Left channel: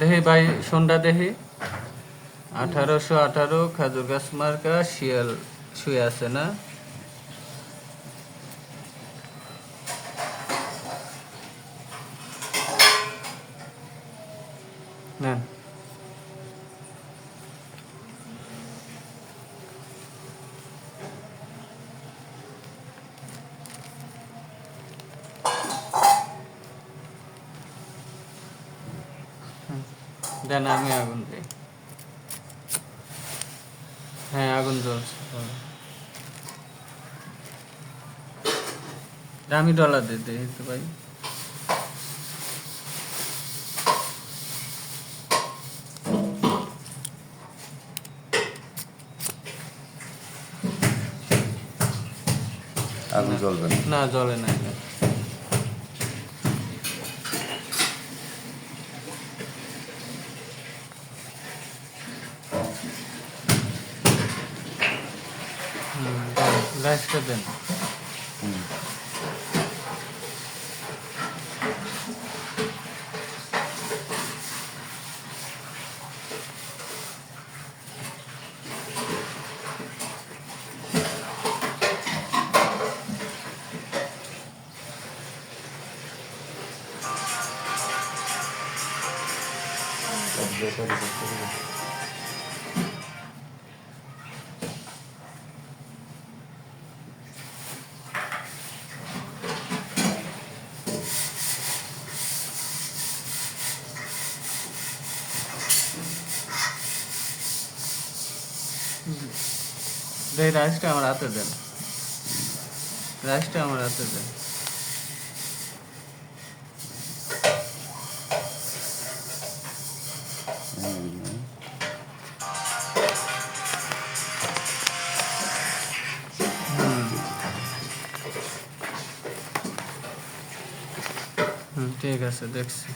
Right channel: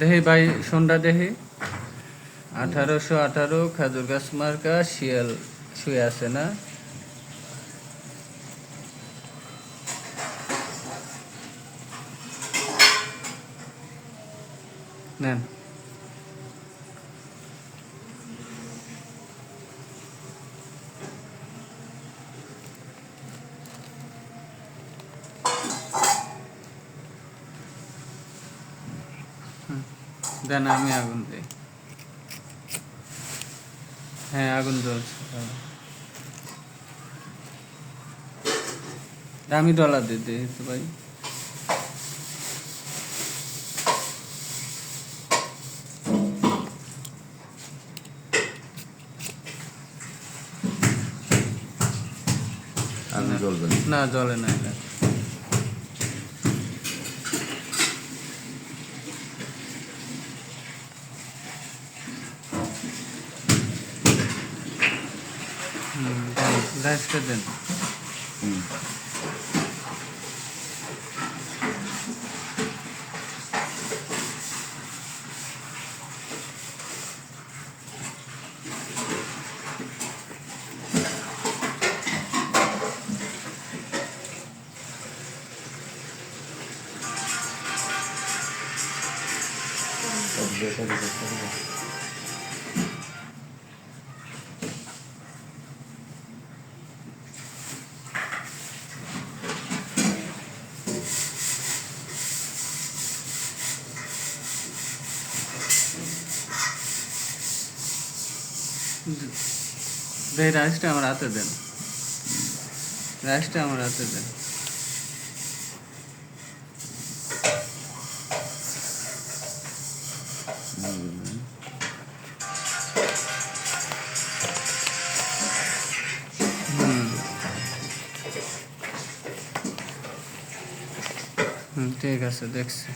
দেহি ভাই সন্ধ্যা দেহি 1818 খাজুর গাছ মার্কা শিয়াল শুয়ে আছে না? নেন দেন, আমি আগুন দিই। হ্যাঁ, আগুন জ্বলছে। আমি ডলার দিতে ভাই। না, জ্বলে না। গ্যাসটা দেন। রাইসটা আমার হাতে দেন। রাইসটা আমার হাতে দেন। ঠিক আছে, দেখছি।